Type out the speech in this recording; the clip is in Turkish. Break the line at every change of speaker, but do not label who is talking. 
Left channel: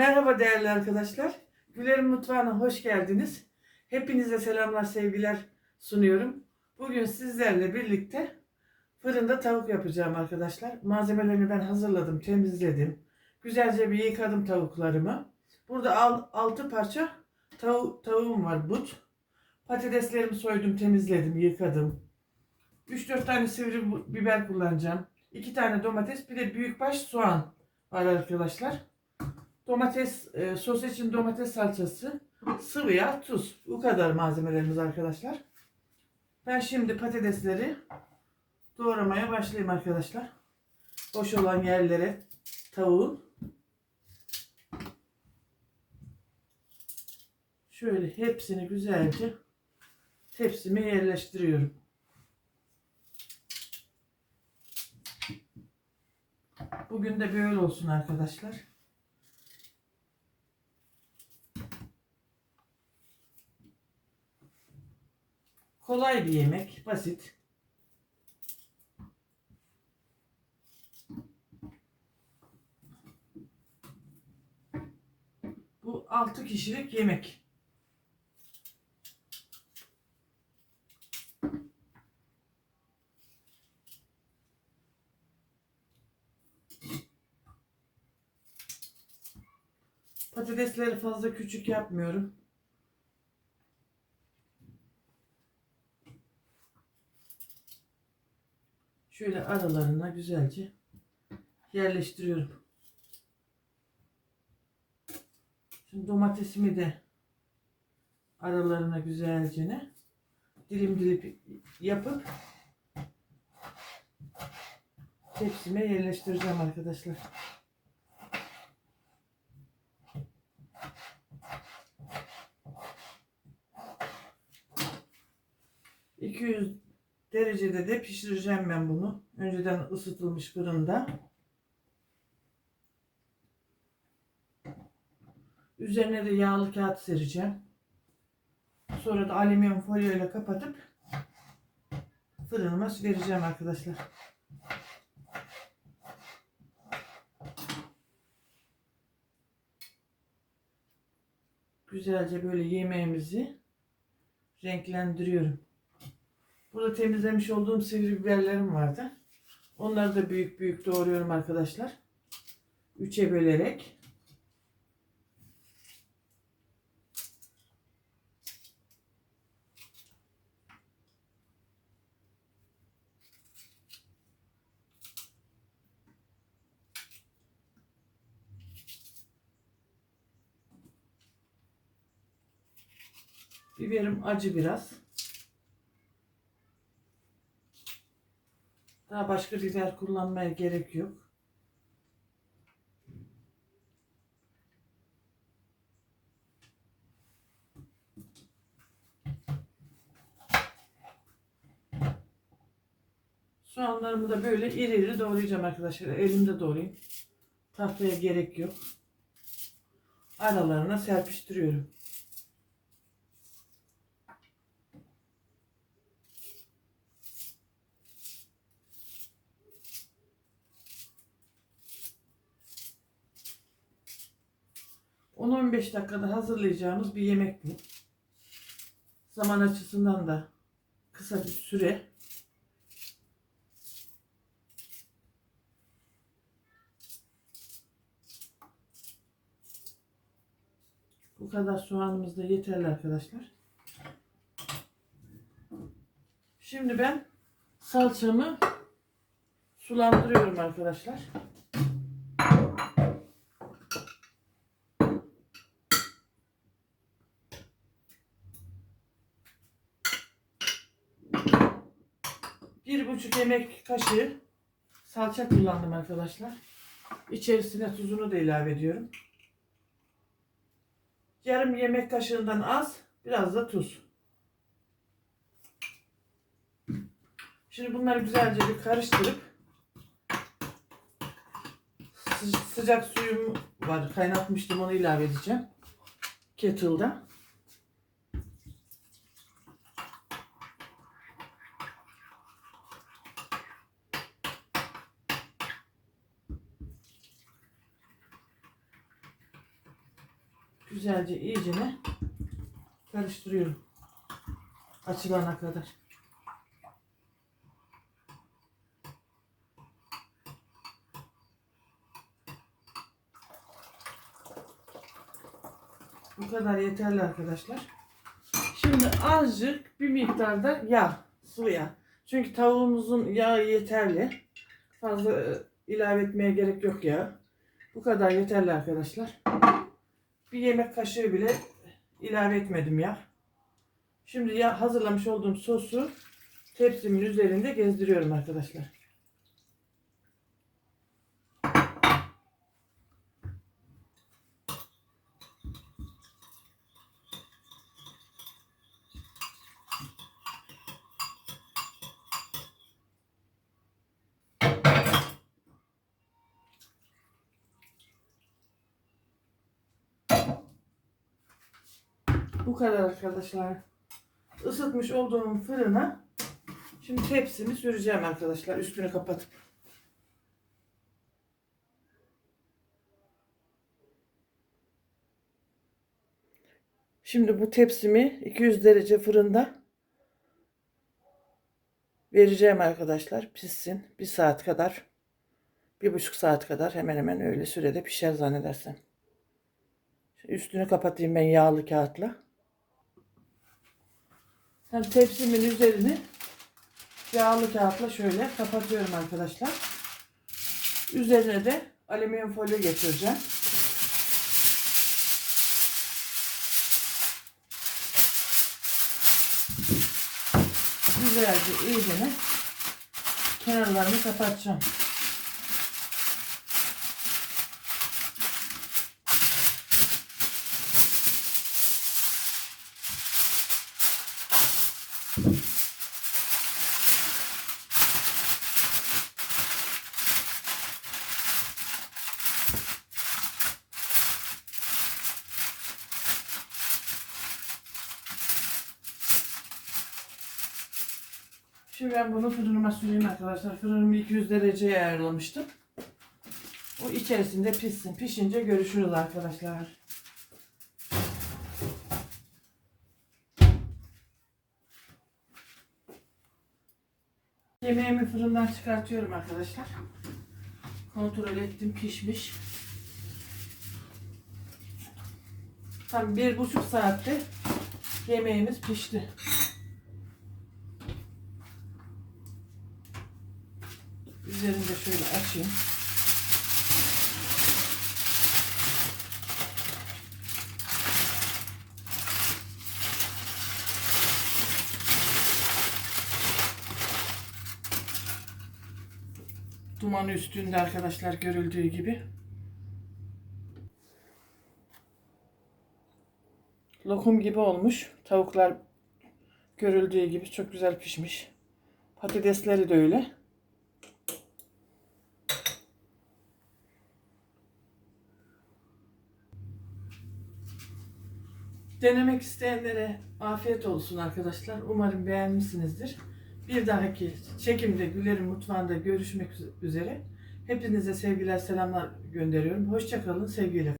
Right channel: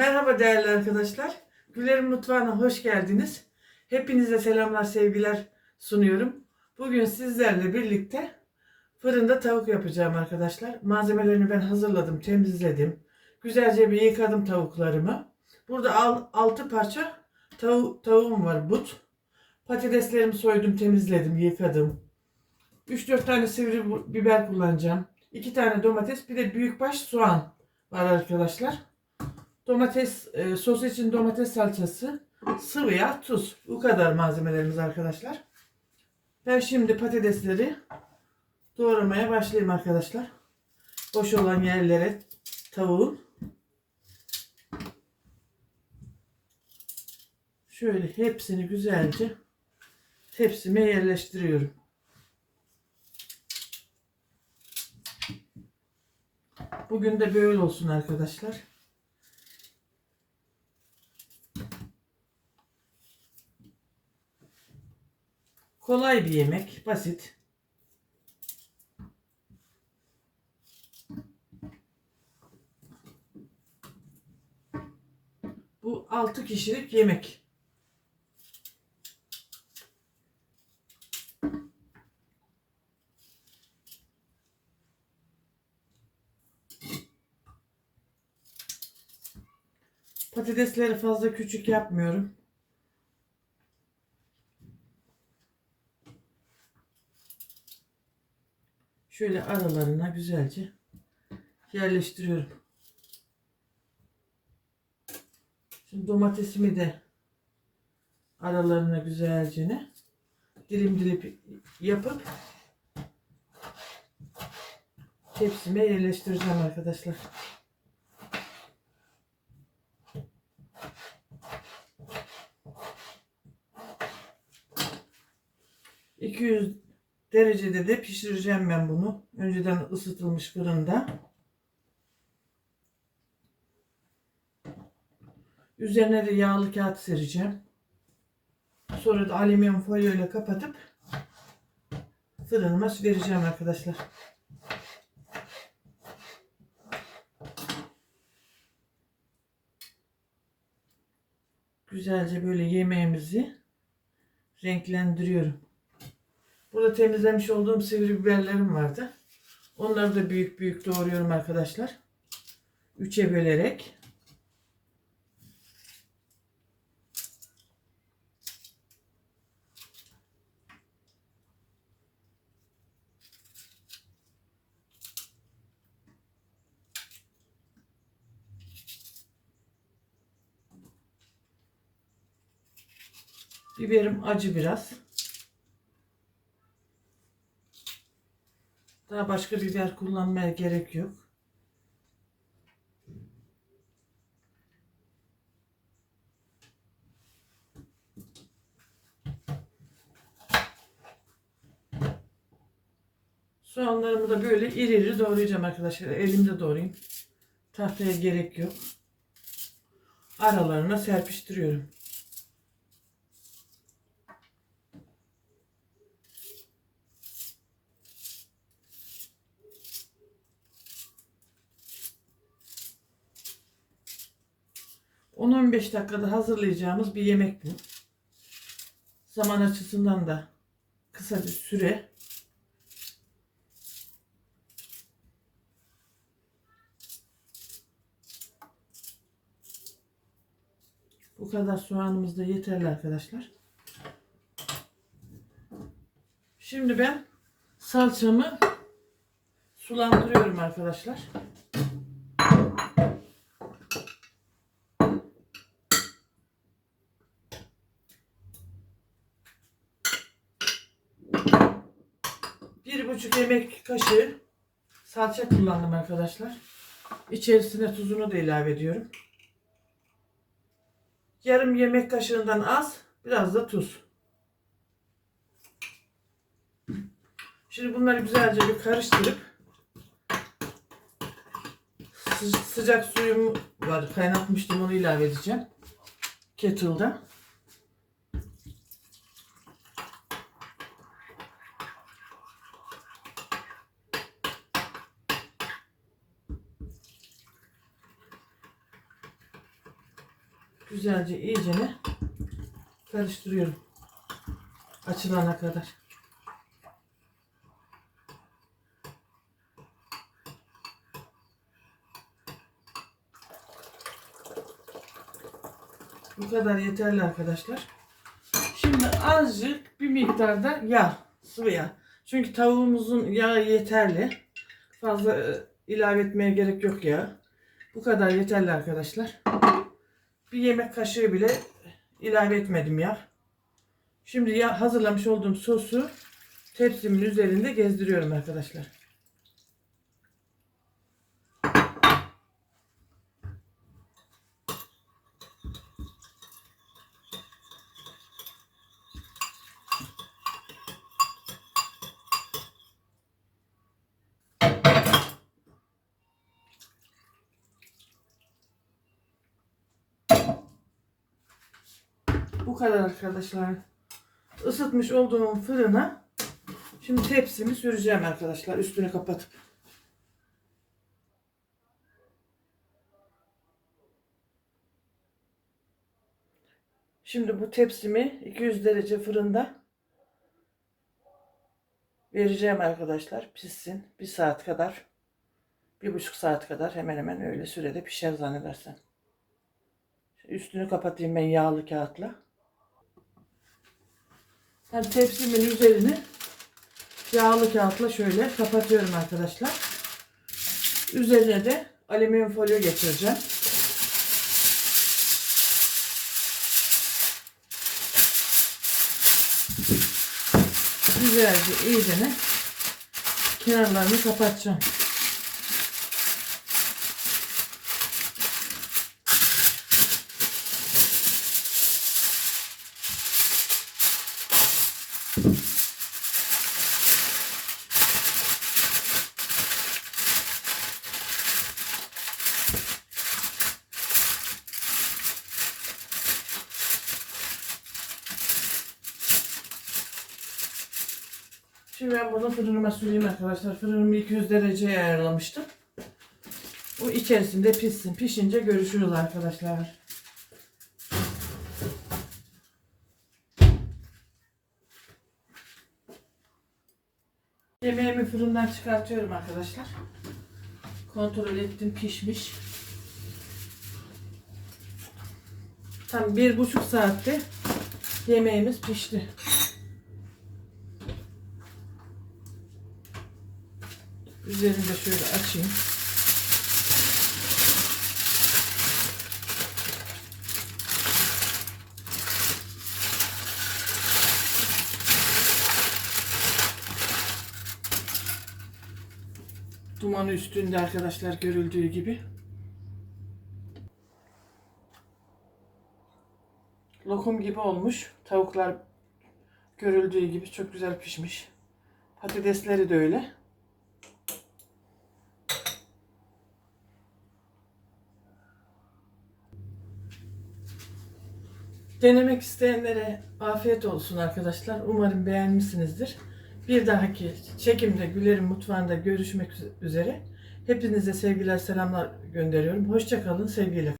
Merhaba değerli arkadaşlar. Gülerim Mutfağı'na hoş geldiniz. Hepinize selamlar, sevgiler sunuyorum. Bugün sizlerle birlikte fırında tavuk yapacağım arkadaşlar. Malzemelerini ben hazırladım, temizledim. Güzelce bir yıkadım tavuklarımı. Burada 6 parça tavu tavuğum var, but. Patateslerimi soydum, temizledim, yıkadım. 3-4 tane sivri biber kullanacağım. 2 tane domates, bir de büyükbaş soğan var arkadaşlar. Domates, e, sos için domates salçası, sıvı yağ, tuz. Bu kadar malzemelerimiz arkadaşlar. Ben şimdi patatesleri doğramaya başlayayım arkadaşlar. Boş olan yerlere tavuğun şöyle hepsini güzelce tepsime yerleştiriyorum. Bugün de böyle olsun arkadaşlar. Kolay bir yemek, basit. Bu 6 kişilik yemek. Patatesleri fazla küçük yapmıyorum. Şöyle aralarına güzelce yerleştiriyorum. Şimdi domatesimi de aralarına güzelce ne dilim dilim yapıp tepsime yerleştireceğim arkadaşlar. ...200 derecede de pişireceğim ben bunu. Önceden ısıtılmış fırında. Üzerine de yağlı kağıt sereceğim. Sonra da alüminyum folyo ile kapatıp fırınıma vereceğim arkadaşlar. Güzelce böyle yemeğimizi renklendiriyorum. Burada temizlemiş olduğum sivri biberlerim vardı. Onları da büyük büyük doğruyorum arkadaşlar. Üçe bölerek. Biberim acı biraz. Daha başka biber kullanmaya gerek yok. Soğanlarımı da böyle iri iri doğrayacağım arkadaşlar. Elimde doğrayayım. Tahtaya gerek yok. Aralarına serpiştiriyorum. ...10-15 dakikada hazırlayacağımız bir yemek bu. Zaman açısından da kısa bir süre. Bu kadar soğanımız da yeterli arkadaşlar. Şimdi ben salçamı sulandırıyorum arkadaşlar. Bir buçuk yemek kaşığı salça kullandım arkadaşlar. İçerisine tuzunu da ilave ediyorum. Yarım yemek kaşığından az, biraz da tuz. Şimdi bunları güzelce bir karıştırıp sı- sıcak suyum var, kaynatmıştım onu ilave edeceğim. Kettle'da. Güzelce iyicene karıştırıyorum. Açılana kadar. Bu kadar yeterli arkadaşlar. Şimdi azıcık bir miktarda yağ, sıvı yağ. Çünkü tavuğumuzun yağı yeterli. Fazla e, ilave etmeye gerek yok ya. Bu kadar yeterli arkadaşlar. Bir yemek kaşığı bile ilave etmedim ya. Şimdi ya hazırlamış olduğum sosu tepsimin üzerinde gezdiriyorum arkadaşlar. Bu kadar arkadaşlar. Isıtmış olduğum fırına şimdi tepsimi süreceğim arkadaşlar. Üstünü kapatıp. Şimdi bu tepsimi 200 derece fırında vereceğim arkadaşlar. Pişsin. Bir saat kadar. Bir buçuk saat kadar hemen hemen öyle sürede pişer zannedersem. Üstünü kapatayım ben yağlı kağıtla. Ben tepsimin üzerini yağlı kağıtla şöyle kapatıyorum arkadaşlar. Üzerine de alüminyum folyo getireceğim. Güzelce iyicene kenarlarını kapatacağım. Şimdi ben bunu fırınıma süreyim arkadaşlar. Fırınımı 200 dereceye ayarlamıştım. Bu içerisinde pişsin. Pişince görüşürüz arkadaşlar. Yemeğimi fırından çıkartıyorum arkadaşlar. Kontrol ettim pişmiş. Tam bir buçuk saatte yemeğimiz pişti. Üzerini de şöyle açayım. Dumanı üstünde arkadaşlar görüldüğü gibi. Lokum gibi olmuş. Tavuklar görüldüğü gibi çok güzel pişmiş. Patatesleri de öyle. Denemek isteyenlere afiyet olsun arkadaşlar. Umarım beğenmişsinizdir. Bir dahaki çekimde Güler'in mutfağında görüşmek üzere. Hepinize sevgiler, selamlar gönderiyorum. Hoşçakalın, sevgiyle.